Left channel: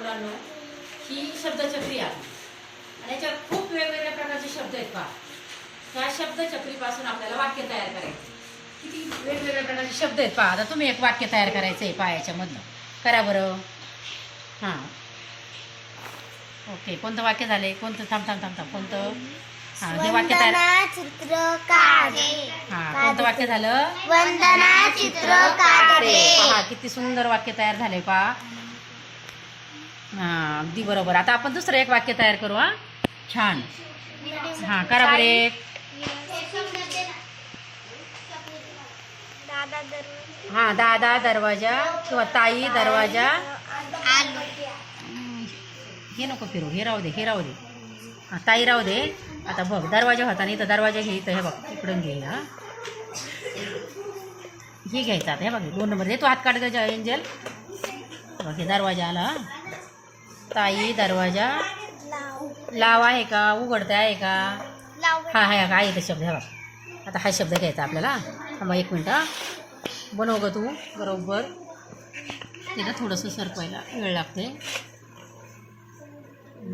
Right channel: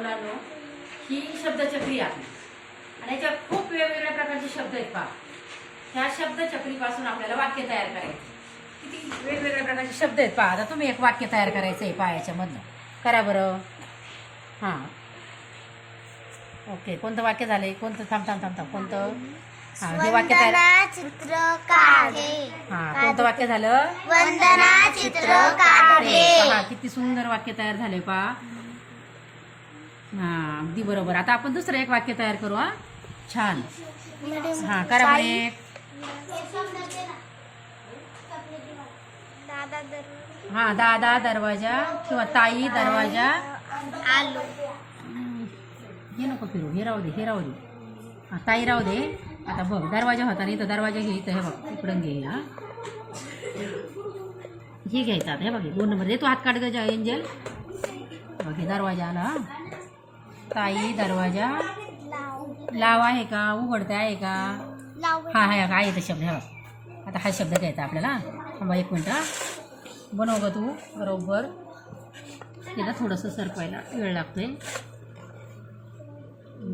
मुलांनो ही शब्दचक्री आहे. आणि याच्यात खूप वेगवेगळ्या प्रकारचे शब्द आहेत पहा. ह्या शब्दचक्रीपासून आपल्याला वाक्य तयार करायचे. किती वेगवेगळ्या प्रकारचे शब्द आहेत पहा. आता तुम्ही एक वाक्य तयार करायचं आहे पहा याच्यामधनं. करा बरं. हां. ओके कोणतं वाक्य झालंय? कोणतं? थांब थांब थांब थांब. कोणतं? हां हे वाक्य तयार चित्र हां कोणतं वाक्य झालं? वंदना चित्र पहा किती सुंदर वाक्य तयार झाले पहा. हा, अगदी बरोबर. आता आपण दुसरं एक वाक्य तयार करू, हा. छान. हा, करा बरं एक हा, दादा दरवाज़ा किंवा ताई दरवाज़ा. आलू हे नको फिरू, हे राहू दे, हे राहू दे. हा, ताई राहू दे. आता बघ, दरवाज़ा होता नाही तर दरवाज़ा घे इथं, हे बघ इकडून घे, हा. ही घ्यायचा आता, हे बघ, दोन नंबर. दे, तू हात काढ एंजल बघ, हे दरवाज़ा आला, हा. ताई दरवाजा? लाव आहे का? उघडता आहे का? हा आहे का आहे शब्द हा आता हा शब्द घ्यायचा आपल्याला. थांबा एक मिनटं बनव ग तू बरोबर. तिला थोडंसं सरकवायला वेळ लागते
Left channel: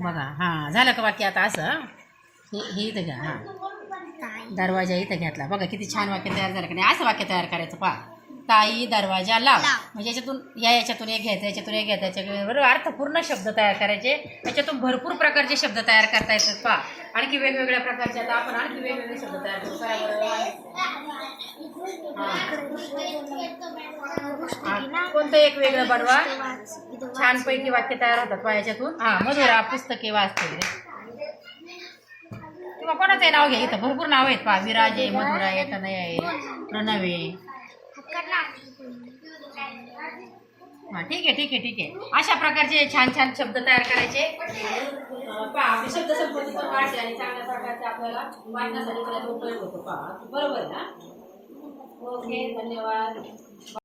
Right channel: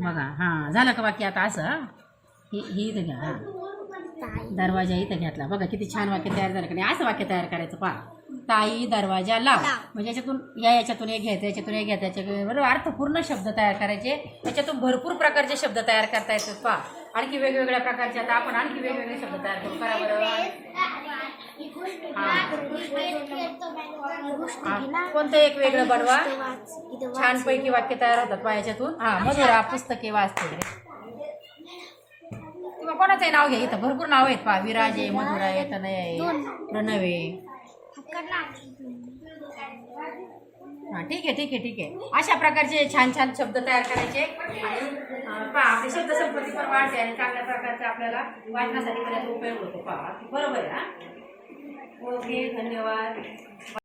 बघा हां. झालं का वाक्य आता असं? हे हे इथं घ्या हां. दरवाजा इथं घेतला. बघा किती छान वाक्य तयार झालं का नाही? असं वाक्य तयार करायचं पहा. ताई दरवाजा लाव. म्हणजे याच्यातून या याच्यातून एक घ्यायचं याच्यातून एक घ्यायचं याच्याबरोबर अर्थपूर्ण शब्द तयार करायचे. याच्यातून भरपूर प्रकारचे शब्द तयार करता येतात पहा. आणखी वेगवेगळ्या प्रकारचे आता आपण आणखी वेगवेगळे शब्द तयार करू. करा बरं. हा. कोणतं एक वेगळं बनवा? छानपैकी वाक्य तयार होतात पहा याच्यातून. हा मधुरा पुस्तके वाचते. किंवा कोणाचंही नाव घ्या. इथं भरपूर नाव आहेत पहा. विराज आहे मधुरा आहे तनय आहे प्रणव. आहे हा ठीक आहे ठीक आहे ठीक आहे. अशा प्रकारचे छान छान शब्द तयार करायचे. आपली शब्दसंपत्ती पण वाढते आणि चांगल्या प्रकारचे आपल्याला वाचण्यासाठी त्याचा उपयोग होतो. पहा बरोबर आहे हा ओके धन्यवाद.